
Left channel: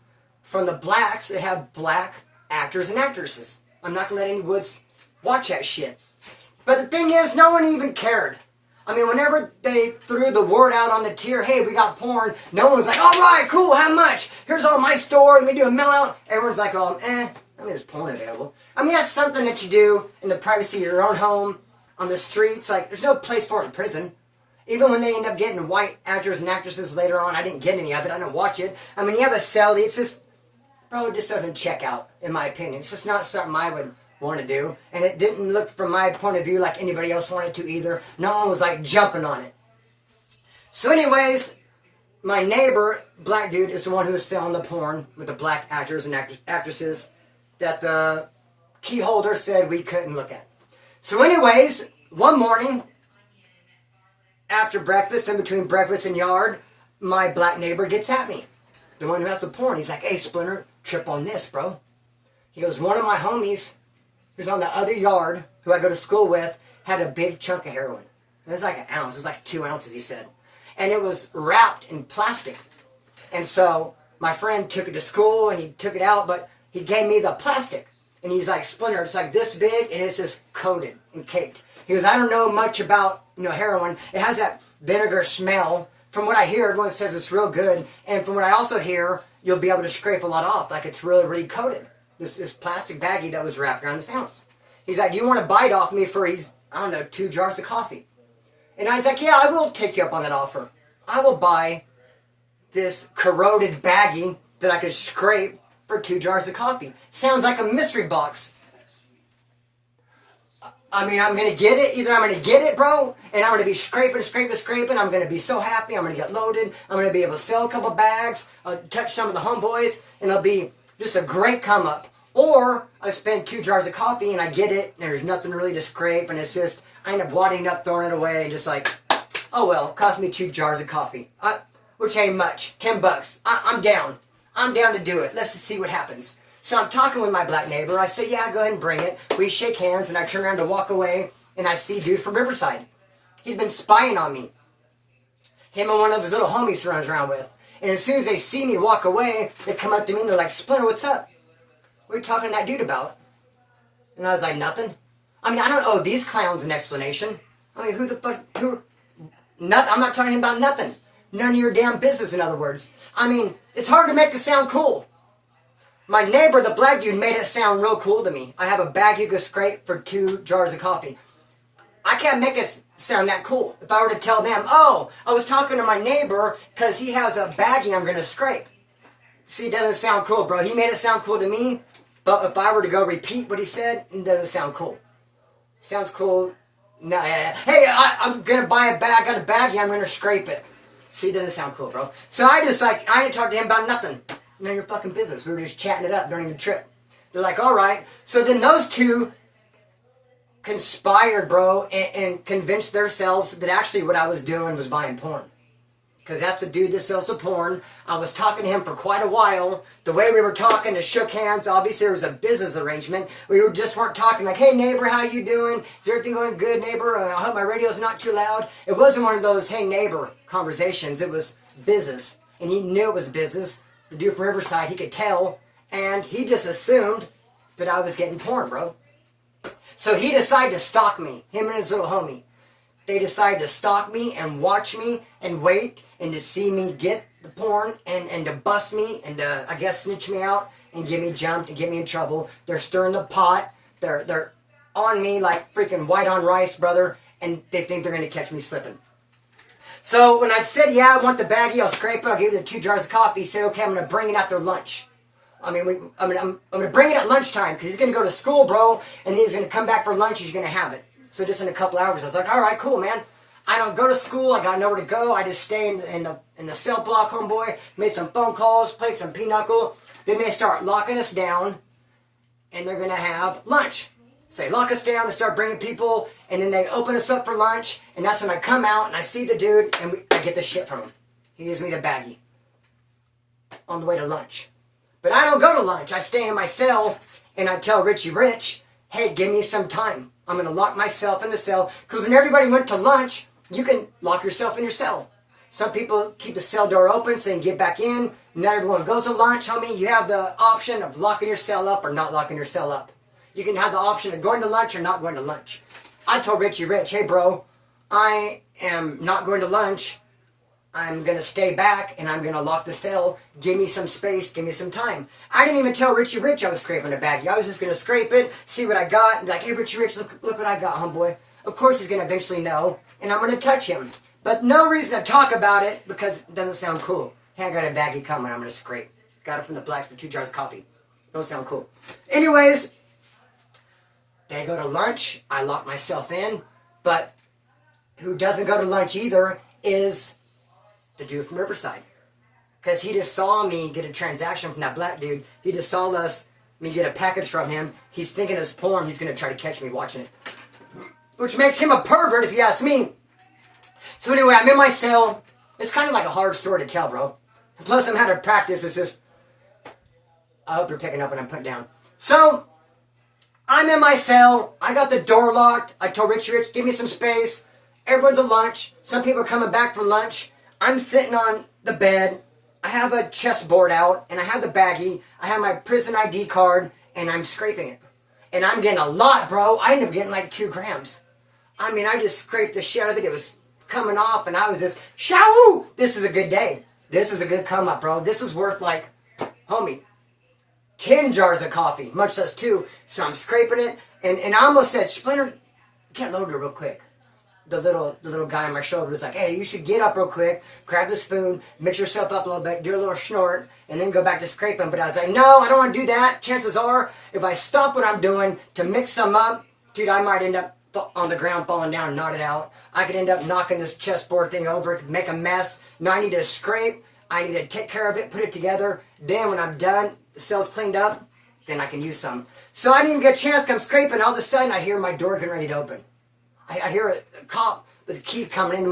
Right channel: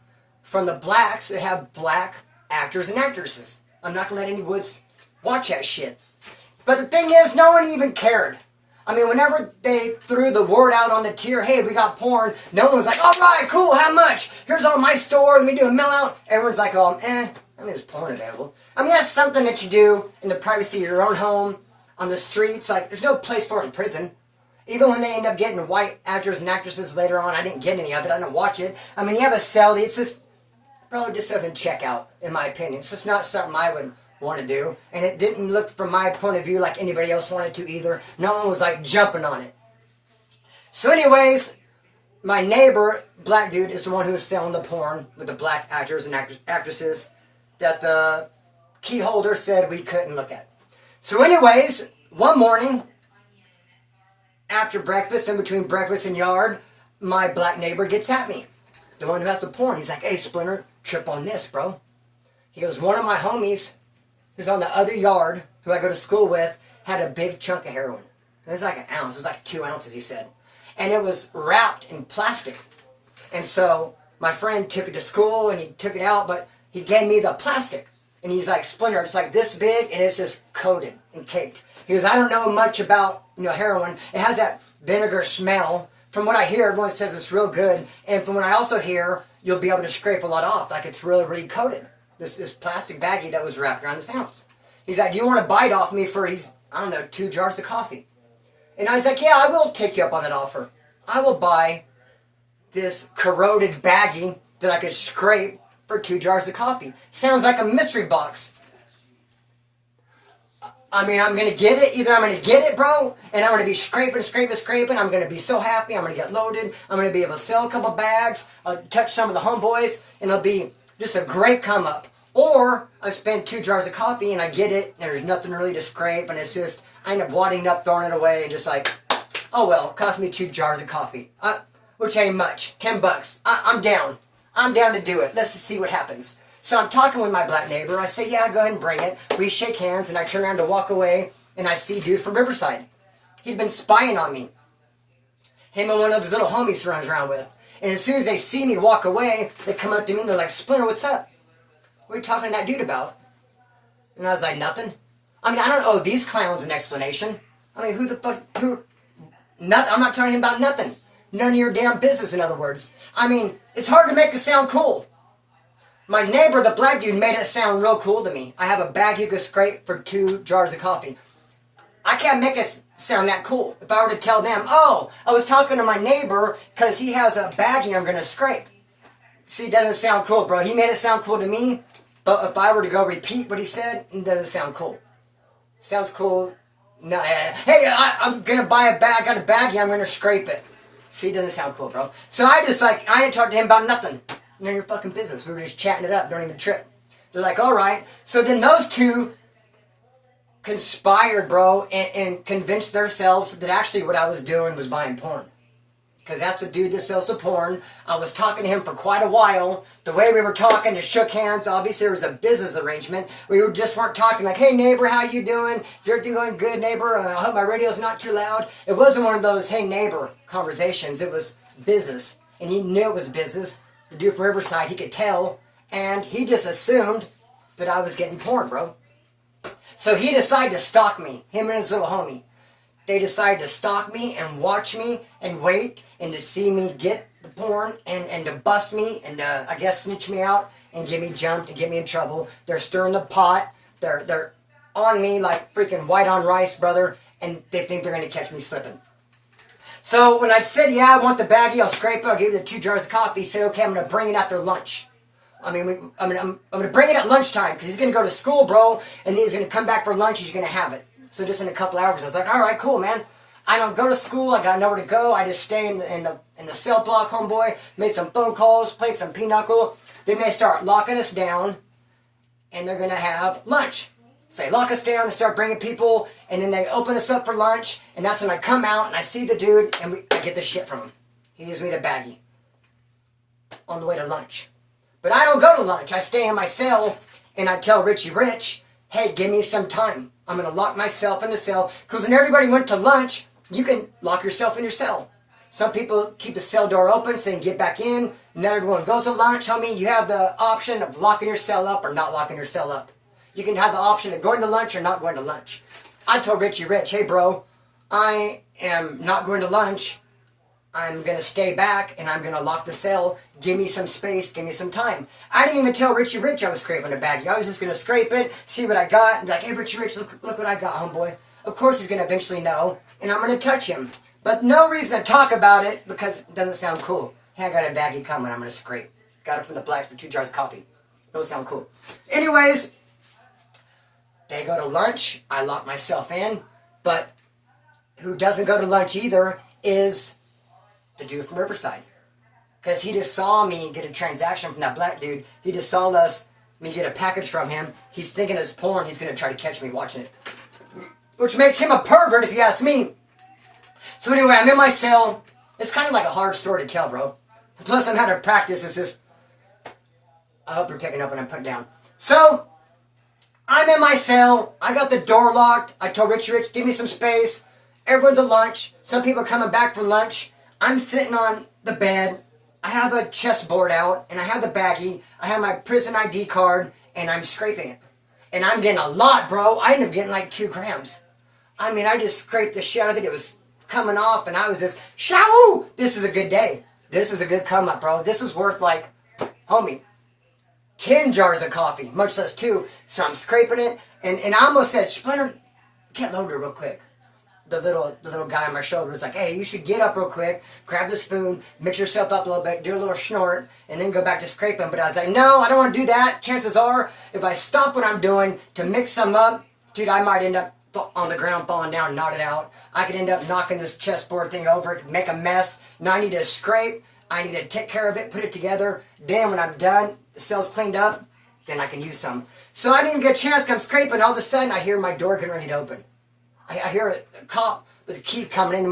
from the blacks that have black actors and actresses. I'm not going to let any woods watch that shit. But the thing is, no one even cared. I mean, whenever they threw the word out on the tier, hey, we got porn, no one was like, all right, cool, how much? Here's all my store, let me do a mail out. Everyone's like, I mean, there's porn available. I mean, that's something that you do in the privacy of your own home, on the streets. Like, there's no place for it in prison. Even when they end up getting white actors and actresses later on, I didn't get any of it, I didn't watch it. I mean, you have a cell, it's just, bro, it just doesn't check out, in my opinion. It's just not something I would want to do. And it didn't look, from my point of view, like anybody else wanted to either. No one was like jumping on it. So anyways, my neighbor, black dude, is the one who was selling the porn with the black actors and actresses that the key holder said we couldn't look at. So anyways, one morning, after breakfast, in between breakfast and yard, my black neighbor gets at me. The one who has the porn. He's like, hey, Splinter, trip on this, bro. He goes, one of my homies who's on the other yard, who I go to school with, had a big chunk of heroin. It was like an ounce. It was like 2 ounces, he said. And it was wrapped in plastic. And so my friend took it to school, and he took it out, but he gave me the plastic. And he's like, Splinter, it's like this big, and it's just coated and caked. He goes, I don't know much about, heroin. It has that vinegar smell. From what I hear, everyone says it's real good. And from what I also hear, you'll be able to scrape a lot off. Like it's really, really coated. This plastic baggie that was wrapped around this ounce. He's like, do you want to bite off me for, 2 jars of coffee? And I was like, yeah, I will take you up on that offer. I will buy this corroded baggie that I could scrape for 2 jars of coffee. Sounds like a mystery box. I mean, I'm going to get it. Either I'm going to get it, bro, and I'm going to be scraping. I'm going to be so happy. I'm going to get loaded. I'm going to be able to sell a couple bags, touch some of the homeboys, and it'll be just a great come up. Or I spend 2 jars of coffee and I get it, and there's nothing really to scrape, and it's just, I end up wadding up, throwing it away, and just like, oh well, it cost me 2 jars of coffee, which ain't much, $10. I'm down. I'm down to do it. Let's just see what happens. So I'm talking with my black neighbor. I say, yeah, go ahead and bring it. We shake hands, and I turn around to walk away, and I see dude from Riverside. He'd been spying on me. Him and one of his little homies he runs around with. And as soon as they see me walk away, they come up to me, and they're like, Splinter, what's up? What are you talking to that dude about? And I was like, nothing. I mean, I don't owe these clowns an explanation. I mean, who the fuck, nothing. I'm not talking about nothing. None of your damn business, in other words. I mean, it's hard to make it sound cool. My neighbor, the black dude, made it sound real cool to me. I have a bag you could scrape for 2 jars of coffee. I can't make it sound that cool. If I were to tell them, oh, I was talking to my neighbor because he has a baggie I'm going to scrape. See, it doesn't sound cool, bro. He made it sound cool to me, but if I were to go repeat what he said, it doesn't sound cool. Sounds cool. No, hey, I'm going to buy a bag. I got a baggie. I'm going to scrape it. See, it doesn't sound cool, bro. So I didn't talk to him about nothing. None of your fucking business. We were just chatting it up during the trip. They're like, all right. So then those two conspired, bro, and convinced themselves that actually what I was doing was buying porn. Because that's the dude that sells the porn. I was talking to him for quite a while. The way we were talking, it shook hands. Obviously, there was a business arrangement. We just weren't talking like, hey, neighbor, how you doing? Is everything going good, neighbor? I hope my radio's not too loud. It wasn't one of those, hey, neighbor conversations. It was business. And he knew it was business. The dude from Riverside, he could tell. And he just assumed that I was getting porn, bro. So he decided to stalk me, him and his little homie. They decided to stalk me and watch me and wait and to see me get the porn and to bust me and to, I guess, snitch me out and get me jumped and get me in trouble. They're stirring the pot. They're on me like freaking white on rice, brother, and they think they're going to catch me slipping. So when I said, yeah, I want the baggie, I'll scrape it, I'll give you the 2 jars of coffee, say, okay, I'm going to bring it after lunch. I'm going to bring it at lunchtime because he's going to go to school, bro, and then he's going to come back for lunch, he's going to have it. So just in a couple hours, I was like, all right, cool, man. I don't go to school. I got nowhere to go. I just stay in the cell block, homeboy. Made some phone calls, played some pinochle. Then they start locking us down, and they're going to have lunch. So they lock us down, they start bringing people, and then they open us up for lunch, and that's when I come out, and I see the dude, and I get the shit from him. He gives me the baggie on the way to lunch. But I don't go to lunch. I stay in my cell, and I tell Richie Rich, hey, give me some time. I'm going to lock myself in the cell. Because when everybody went to lunch, you can lock yourself in your cell. Some people keep the cell door open so they can get back in. Not everyone goes to lunch, homie. You have the option of locking your cell up or not locking your cell up. You can have the option of going to lunch or not going to lunch. I told Richie Rich, hey, bro, I am not going to lunch. I'm going to stay back, and I'm going to lock the cell. Give me some space. Give me some time. I didn't even tell Richie Rich I was scraping a baggie. I was just going to scrape it, see what I got, and be like, hey, Richie Rich, look what I got, homeboy. Of course he's going to eventually know, and I'm going to touch him. But no reason to talk about it because it doesn't sound cool. Hey, I got a baggie coming. I'm going to scrape. Got it from the blacks for 2 jars of coffee. Don't sound cool. Anyways, they go to lunch. I lock myself in. But who doesn't go to lunch either is the dude from Riverside. Because he just saw me get a transaction from that black dude. He just saw me get a package from him. He's thinking it's porn. He's going to try to catch me watching it. Which makes him a pervert if you ask me. So anyway, I'm in my cell. It's kind of like a hard story to tell, bro. Plus I'm out of practice. It's just, I hope you're picking up what I'm putting down. So, I'm in my cell. I got the door locked. I told Richie Rich, give me some space. Everyone's at lunch. Some people are coming back from lunch. I'm sitting on the bed. I have a chessboard out, and I have the baggie. I have my prison ID card, and I'm scraping it. And I'm getting a lot, bro. I ended up getting like 2 grams. I mean, I just scraped the shit out of it. It was coming off, and I was just, shoo! This is a good day. This is a good come up, bro. This is worth like, homie, 10 jars of coffee, much less 2. So I'm scraping it, and I almost said, Splinter, get loaded real quick. The little guy on my shoulder was like, hey, you should get up real quick, grab the spoon, mix yourself up a little bit, do a little snort, and then go back to scraping. But I was like, no, I don't want to do that. Chances are, if I stop what I'm doing to mix some up, dude, I might end up on the ground falling down, knotted out. I could end up knocking this chessboard thing over, make a mess. Now I need to scrape. I need to take care of it, put it together. Then when I'm done, the cell's cleaned up, then I can use some. So I didn't even get a chance. I'm scraping. All of a sudden, I hear my door getting ready to open. I hear a cop with a key coming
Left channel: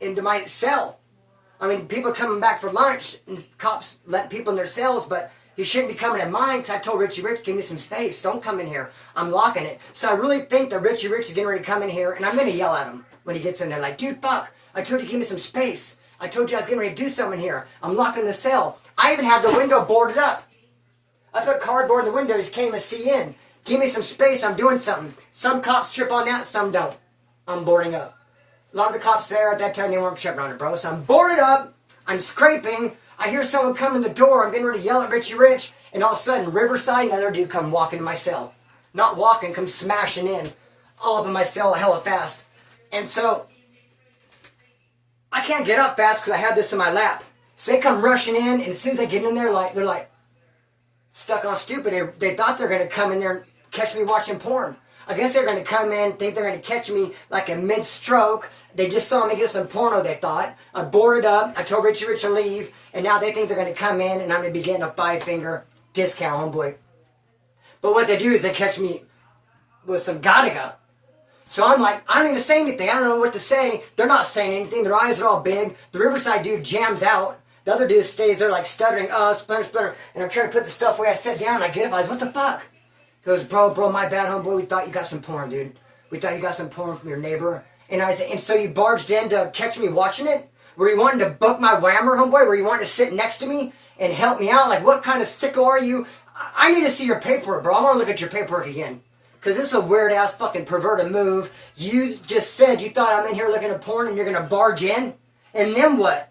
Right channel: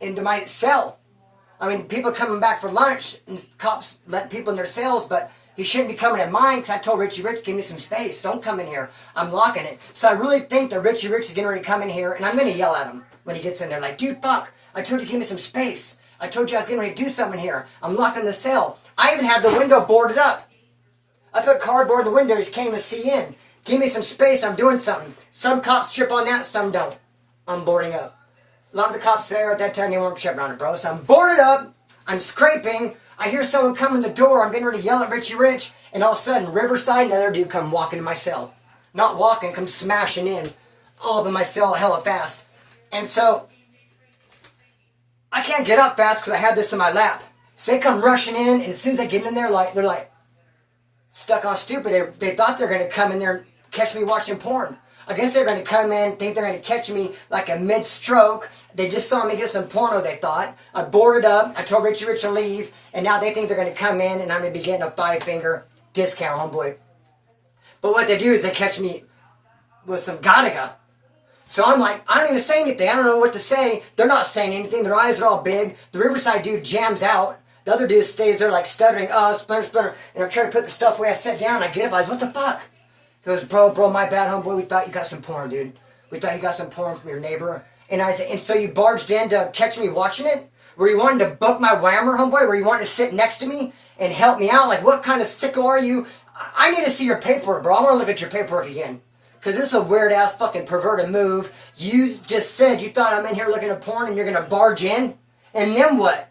into my cell. I mean, people coming back for lunch, and cops letting people in their cells, but he shouldn't be coming in mine, because I told Richie Rich, give me some space. Don't come in here. I'm locking it. So I really think that Richie Rich is getting ready to come in here, and I'm going to yell at him when he gets in there. Like, dude, fuck. I told you to give me some space. I told you I was getting ready to do something here. I'm locking the cell. I even have the window boarded up. I put cardboard in the window. You can't even see in. Give me some space. I'm doing something. Some cops trip on that. Some don't. I'm boarding up. A lot of the cops there at that time, they weren't tripping on it, bro. So I'm boarded up. I'm scraping. I hear someone come in the door. I'm getting ready to yell at Richie Rich. And all of a sudden, Riverside, another dude come walking to my cell. Not walking, come smashing in. All up in my cell hella fast. And so I can't get up fast because I have this in my lap. So they come rushing in, and as soon as I get in there, they're like stuck on stupid. They thought they were going to come in there and catch me watching porn. I guess they're going to come in, think they're going to catch me like a mid-stroke. They just saw me get some porno, they thought. I boarded up. I told Richie Rich to leave, and now they think they're going to come in, and I'm going to be getting a 5-finger discount, homeboy. But what they do is they catch me with some Gattaca. So I'm like, I don't even say anything. I don't know what to say. They're not saying anything. Their eyes are all big. The Riverside dude jams out. The other dude stays there like stuttering. Oh, splinter. And I'm trying to put the stuff away. I sit down. I get up. I was, what the fuck? He goes, bro, my bad, homeboy. We thought you got some porn, dude. We thought you got some porn from your neighbor. And I said, and so you barged in to catch me watching it? Were you wanting to book my whammer, homeboy? Were you wanting to sit next to me and help me out? Like, what kind of sicko are you? I need to see your paperwork, bro. I want to look at your paperwork again. Because this is a weird-ass fucking perverted move. You just said you thought I'm in here looking at porn and you're going to barge in? And then what?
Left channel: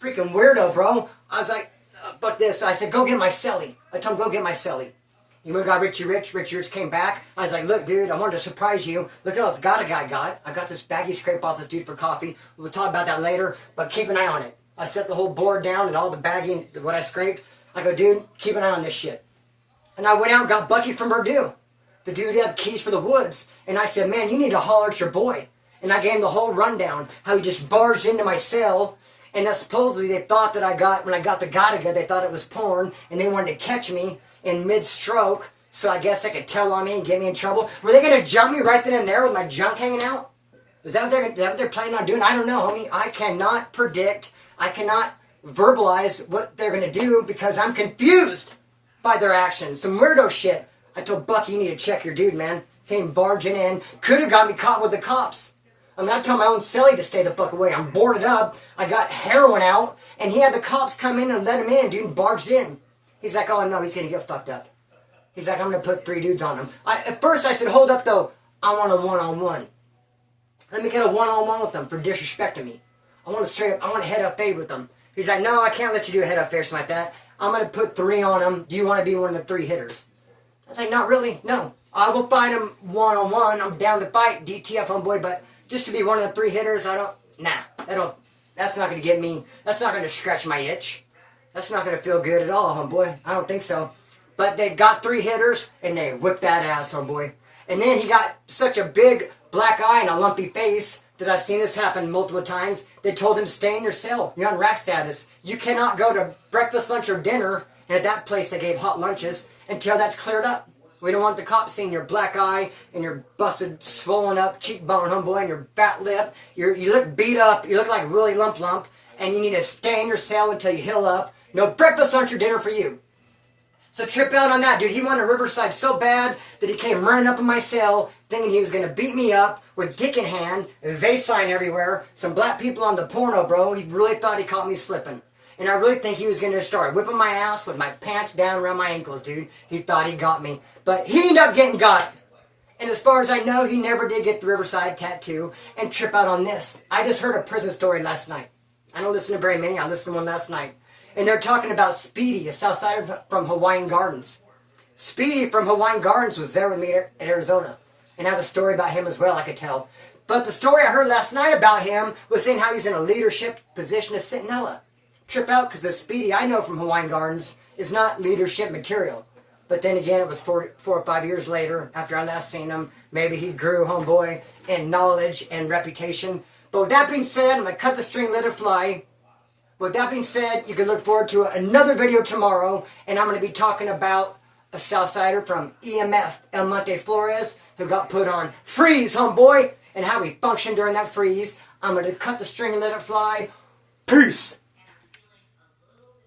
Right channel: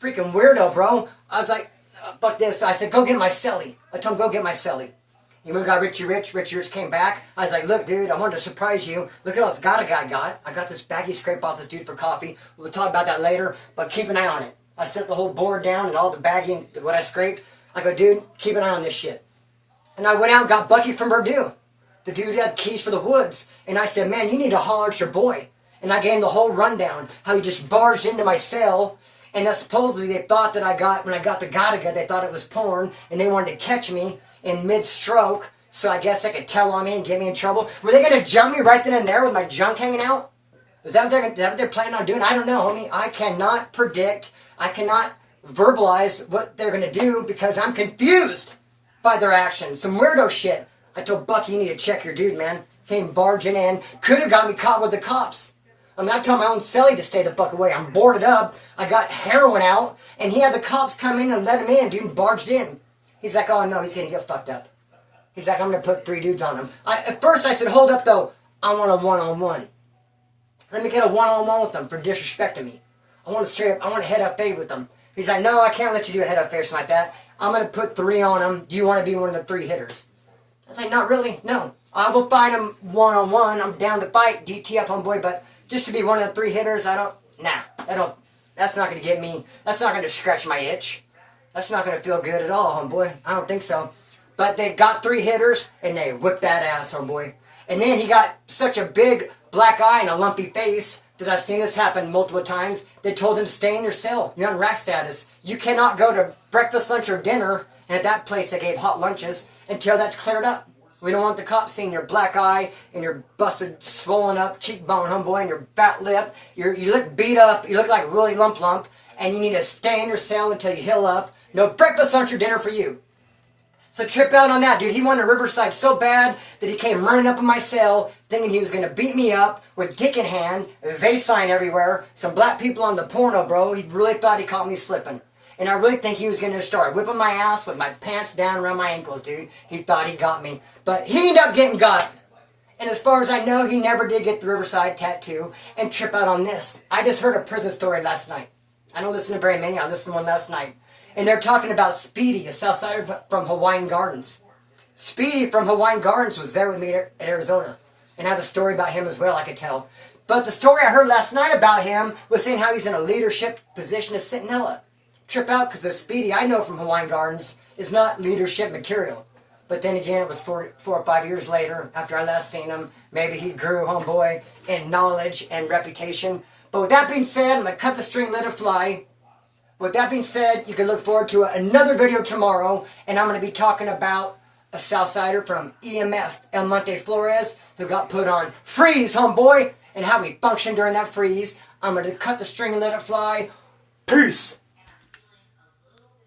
Freaking weirdo, bro. I was like, fuck this. I said, go get my celly. I told him, go get my celly. He went and got Richie Rich. Richie Rich came back. I was like, look, dude, I wanted to surprise you. Look at all this Gattaca I got. I got this baggy scrape off this dude for coffee. We'll talk about that later, but keep an eye on it. I set the whole board down and all the baggy, what I scraped. I go, dude, keep an eye on this shit. And I went out and got Bucky from Purdue. The dude had keys for the woods. And I said, man, you need to holler at your boy. And I gave him the whole rundown, how he just barged into my cell. And that supposedly they thought that when I got the Gattaca, they thought it was porn. And they wanted to catch me in mid-stroke. So I guess they could tell on me and get me in trouble. Were they going to jump me right then and there with my junk hanging out? Is that what they're planning on doing? I don't know, homie. I cannot predict. I cannot verbalize what they're going to do because I'm confused by their actions. Some weirdo shit. I told Bucky, you need to check your dude, man. Came barging in. Could have got me caught with the cops. I mean, I told my own celly to stay the fuck away. I'm boarded up. I got heroin out. And he had the cops come in and let him in, dude, and barged in. He's like, oh, no, he's going to get fucked up. He's like, I'm going to put 3 dudes on him. At first, I said, hold up, though. I want a one-on-one. Let me get a one-on-one with them for disrespecting me. I want to head-up fade with them. He's like, no, I can't let you do a head-up fade or something like that. I'm going to put 3 on them. Do you want to be one of the 3 hitters? I was like, not really, no. I will fight him one-on-one. I'm down to fight, DTF, homeboy, but just to be one of the 3 hitters, that's not going to get me, that's not going to scratch my itch. That's not going to feel good at all, homeboy. I don't think so. But they got 3 hitters, and they whipped that ass, homeboy. And then he got such a big black eye and a lumpy face that I've seen this happen multiple times. They told him, stay in your cell. You're on rack status. You cannot go to breakfast, lunch, or dinner. And at that place, they gave hot lunches until that's cleared up. We don't want the cops seeing your black eye and your busted, swollen up cheekbone, homeboy, and your fat lip. You look beat up. You look like really lump. And you need to stay in your cell until you heal up. No breakfast, lunch, or dinner for you. So trip out on that, dude. He wanted Riverside so bad that he came running up in my cell thinking he was going to beat me up with dick in hand, a vase sign everywhere, some black people on the porno, bro. He really thought he caught me slipping. And I really think he was going to start whipping my ass with my pants down around my ankles, dude. He thought he got me. But he ended up getting got. And as far as I know, he never did get the Riverside tattoo and trip out on this. I just heard a prison story last night. I don't listen to very many. I listened to one last night. And they're talking about Speedy, a Southsider from Hawaiian Gardens. Speedy from Hawaiian Gardens was there with me at Arizona. And I have a story about him as well, I could tell. But the story I heard last night about him was saying how he's in a leadership position as Centinela. Trip out, because the Speedy I know from Hawaiian Gardens is not leadership material. But then again, it was 4 or 5 years later after I last seen him. Maybe he grew, homeboy, in knowledge and reputation. But with that being said, I'm going to cut the string, let it fly. With that being said, you can look forward to another video tomorrow. And I'm going to be talking about a Southsider from EMF, El Monte Flores, who got put on freeze, homeboy, and how he functioned during that freeze. I'm going to cut the string and let it fly. Peace.